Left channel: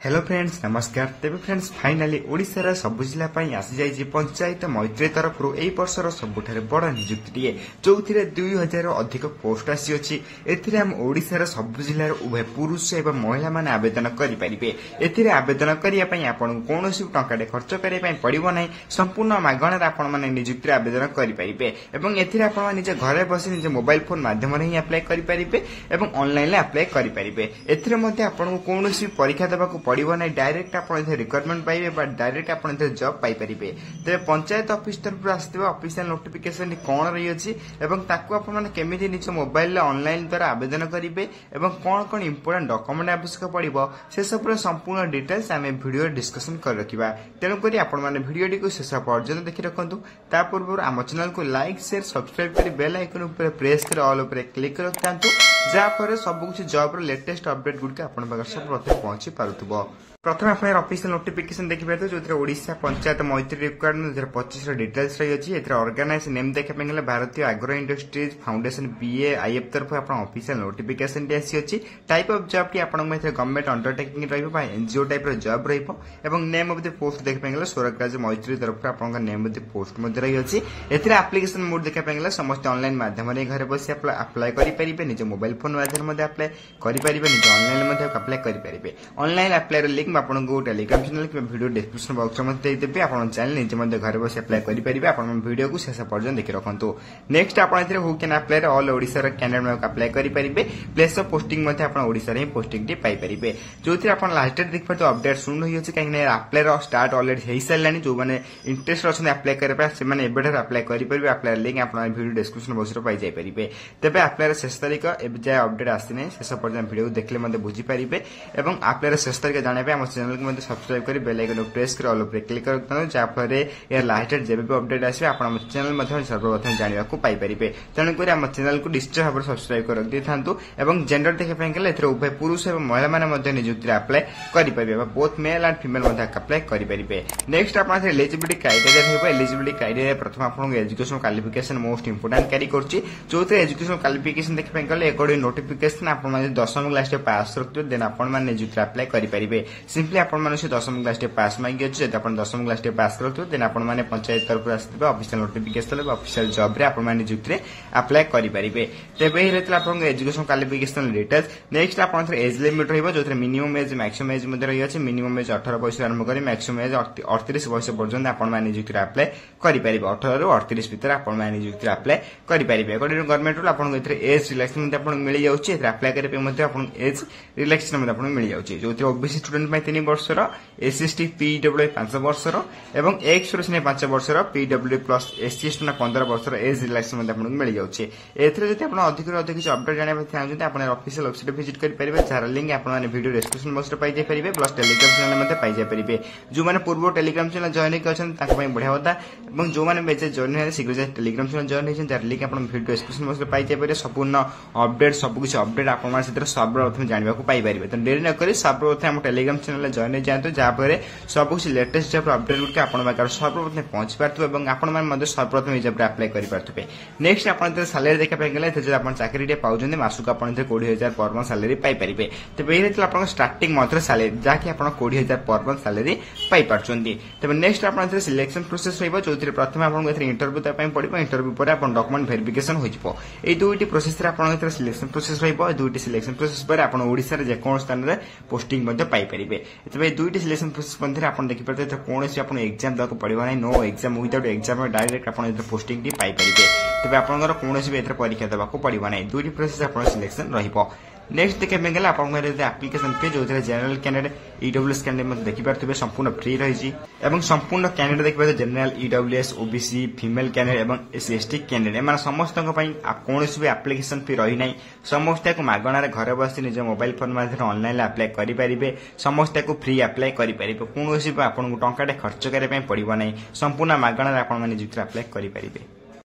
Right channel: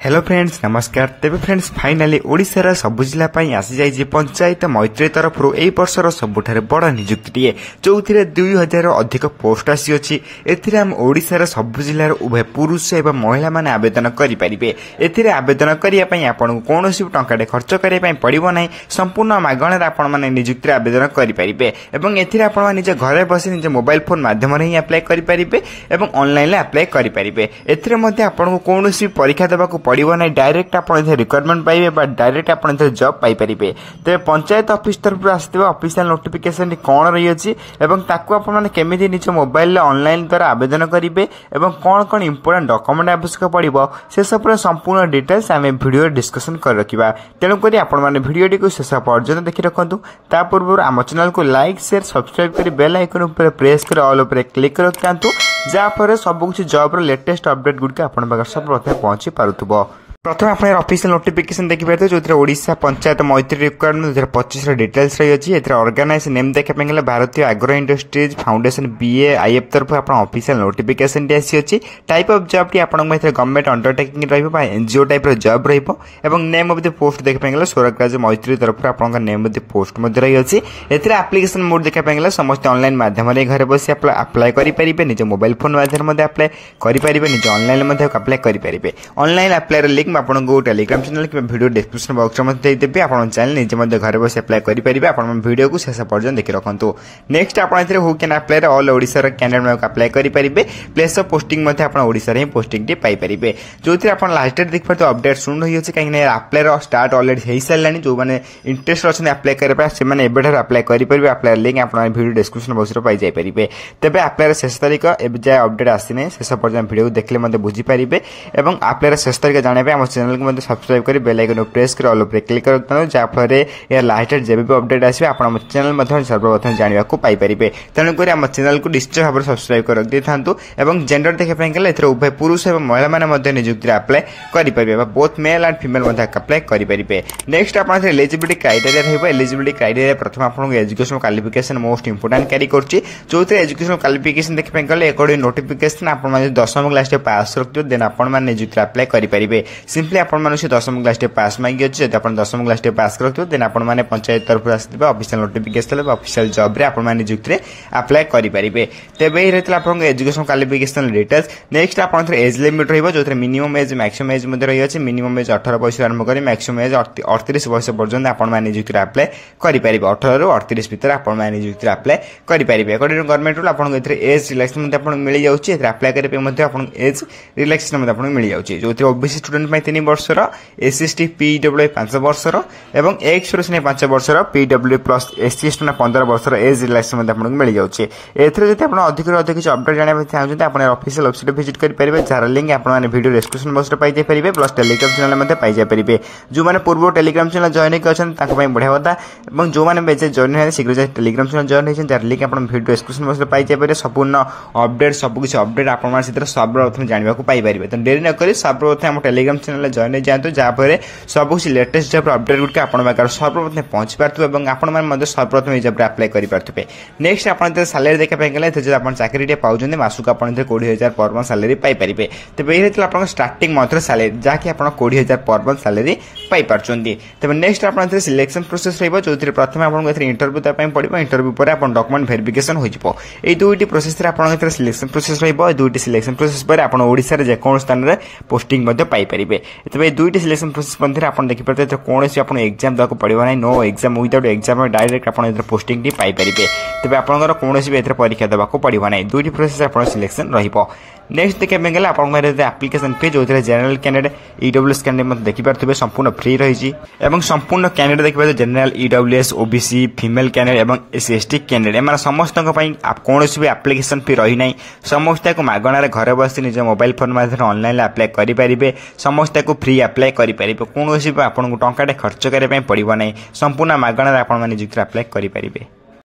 Hello friends नमस्कार। तेबे friends finally ओडिशार सबु जिला आसी जाइए पंचायत मैत्री तरफ यही वर्षर सबुठारे बड़ निजुक्ति जो 2000 अधिक पोस्ट आसी एम ओडिशार सबु जिलार उभय पुरुष एवं महिला माने आवेदन करेंगे। एथिरे आवेदन करने आपको कौन टंका खर्च करने पड़ो ना, संपूर्ण मागणार आपण मैंने निजुक्ति आवेदन करेंगे। निज घर बस निज मोबाइल फोन मध्यम ही आप्लाय करेंगे और ऑनलाइन आप्लाय करेंगे। आपको कौन परीक्षा देवाक पड़ो ना, डायरेक्ट आप रिक्वायरमेंट पाइबे डायरेक्ट आप जॉब पाइपर। तेज पंचायत ऑफिस तरफ आसथिबा ऑफिशियल नोटिफिकेशन कौन रही केमी निज मोबाइल ऑनलाइन द्वारा आवेदन करेंगे और कौन कौन इंपोर्टेंट डॉक्यूमेंट आवश्यक पड़ो से सब संपूर्ण डिटेल्स आम वीडियो डिस्कशन कर रखा। तेणुक भिडियोटी को शेष पर्यटन देखी रखु। ता पूर्व आम चैनल को लाइक शेयर सब्सक्राइब कर बेल आइकन उपर प्रेस कर ऑल उपर क्लिक कर दिखाँ, जहाँफल सबकि जॉब लेटेस्ट अपडेट गुड़िक आप सब पहुंची पारुथबो। प्रथम आप ऑफिशियल नोटिफिकेशन देखिए जो ओडिशा पंचायत मैत्री रिक्वायरमेंट 2025 डिटेल्स रही है। ऑर्गेनाइज नेम देखा गले भारतीय agro industries foundation BA if तरफ आप ऑफिशियल नोटिफिकेशन आसी। Type of job T government undertaking NGO type job name of the post देखा गले स्वराज मैत्री तरफ आप नेम ऑफ द पोस्ट रही है। एप्लिकेशन मोड देखा गले समस्त ऑनलाइन माध्यम घर बस अप्लाई करेंगे, निज मोबाइल फोन माध्यम अप्लाई करेंगे, निज ऑनलाइन अप्लाई करेंगे। ऑनलाइन अप्लाई लिंक आपको टेलीग्राम चैनल कि वीडियो डिस्क्रिप्शन बॉक्स में देदेवी। आप चैनल निजे घर बस अप्लाई करेंगे। आप वीडियो को शेष पर्यटन देखी रखु। नेक्स्ट आप who can apply all Odisha candidate apply करेंगे। प्लेस ऑफ पोस्टिंग ओडिशा ही पोस्टिंग टी पाइपर जो आप लास्ट देखिए तो अपडेट शुण रही है कहीं अप्लाई स्टार्ट अलरेडी हो सारा। जो मैंने इंटरेस्ट अच्छे अप्लाई करने से अप्लाई करेंगे। अप्लाई लिंक आप वीडियो डिस्क्रिप्शन बॉक्स में पाई पारे। तेज अप्लाई शेष तारीख एवं जाए अपडेट आसी शेष पर्यटन वीडियो देखने बुझीपारे और अप्लाई शेष तारीख जाना चैनल को सब्सक्राइब कर बेल आइकन प्रेस कर ऑल पर क्लिक कर, जहाँफल यार लास्ट जब भी अपडेट आसे आप चैनल सर्वप्रथम जानवा पाइपर। तेणुक आम चैनल को निश्चय भाव सब्सक्राइब कर रखी था। जेंडर देखा गले उभय पुरुष और महिला मैंने निजुक्ति अप्लाई करेंगे। Both male and female apply करेंगे। नेक्स्ट आप एलिजिबिलिटी क्राइटेरिया रही है। एलिजिबिलिटी क्राइटेरिया प्रथम आपको एजुकेशन क्वालिफिकेशन मोस्ट इंपोर्टेंट क्यारी कर जो एजुकेशन क्वालिफिकेशन देखा गले अकॉर्डिंग नोटिफिकेशन आप 10वीं क्लास पास रखिए देन आप निजुक्ति अप्लाई करेंगे। सिंपली आप 10वीं क्लास पास मांगी अच्छे जब आप 10वीं क्लास पास रखिए देन आप पंचायत तरफ आसो ऑफिशियल नोटिफिकेशन ऑफिशियल जॉब रे आप निजुक्ति अप्लाई करेंगे। तेज ये रही आप एजुकेशन क्वालिफिकेशन डिटेल्स। नेक्स्ट आप एज लिमिट रही जो मिनिमम एज मैक्सिमम एज रही है। मिनिमम एज 18 वर्ष आरंभ कर मैक्सिमम एज 38 वर्ष पर्यटन आप निजुक्ति अप्लाई करेंगे। 18 ରୁ 38 भितर आप निजुक्ति अप्लाई करेंगे। अकॉर्डिंग गवर्नमेंट रूल आपको एज रिलैक्सेशन मिल जाए। अप्लाई करने एज रिलैक्सेशन मिल जाए जो ओबीसी स्टूडेंट 3 वर्षर एसएसटी पीडब्ल्यू 5 वर्षर और एक्स 5 वर्षर पीडब्ल्यू प्लस एससी एसटी 15 वर्षर एज रिलैक्सेशन आपको मिल जाए। एथर जो अधिक अधिक अपडेट जानते चाहते आप ऑफिशियल वेबसाइट विजिट करेंगे जार लिंक आप वीडियो डिस्क्रिप्शन बॉक्स में पाई पारे प्लस टेलीग्राम चैनल पाई पारे। जो मैंने पूर्व टेलीग्राम चैनल जॉइन होती बढ़िया कथा और जो मैंने जॉइन है शीघ्र जाए टेलीग्राम चैनल जॉइन होती जार लिंक आप वीडियो डिस्क्रिप्शन बॉक्स में पाई पारे। संपूर्ण अपडेट सबकि अपडेट आप सर्वप्रथम जानवा पाइपर। तो डेरी नक सर्वप्रथम आम टेलीग्राम चैनल जॉइन जातु जहाँफल सब लेटेस्ट जॉब अपडेट गुड़िक आप सर्वप्रथम पहुंची पारे और आप सर्वप्रथम जॉब अप्लाई करेंगे। नेक्स्ट आप सालारी देखा गले जो आप चाकरी पाँच मासक आप 20,000 पर मंथ सालारी पाइपर। तेज ये आप स्टार्टिंग मंथ सालारी जहाँकि आप 20,000 पर मंथ सालारी पाइपर। तेज नेक्स्ट आप सिलेक्शन प्रोसेस रही जो प्रथम आपको इंटरव्यू देवाई पड़ो। इंटरव्यू पर आप डॉक्यूमेंट वेरिफिकेशन हो दुईटी प्रोसेस आप सिलेक्शन प्रोसेस रही। दुईटी सिलेक्शन प्रोसेस पर आप ओडिशा जेको स्थान में पोस्टिंग पाइपर। तेज दुईटी सिलेक्शन प्रोसेस मध्य आप देखिए कौन आप एग्जाम देवाक पड़ो ना, no exam without exam direct आप पोस्टिंग टी पाइपर। तेज आपंकर कौन भी परीक्षा देवाक पड़ो ना, दुईटी प्रोसेस आप सिलेक्शन रही। नेक्स्ट देखा गले आप एप्लिकेशन फी जो जनरल कैंडिडेट ईडब्ल्यूएस कैंडिडेट देखिए संपूर्ण फ्री रही। संपूर्ण कैंडिडेट देखिए general EWS OBC female candidate और एससी एसटी कैंडिडेट एम समस्त कौन भी एप्लिकेशन फी रही ना। समस्त को मागणार घर बस निज मोबाइल फोन माध्यम ऑनलाइन अप्लाई करेंगे। समस्त को फ्री अप्लाई करेंगे। कौन भी आपको टंका खर्च करने पड़ो ना, संपूर्ण मागणार आप निजुक्ति अप्लाई करेंगे।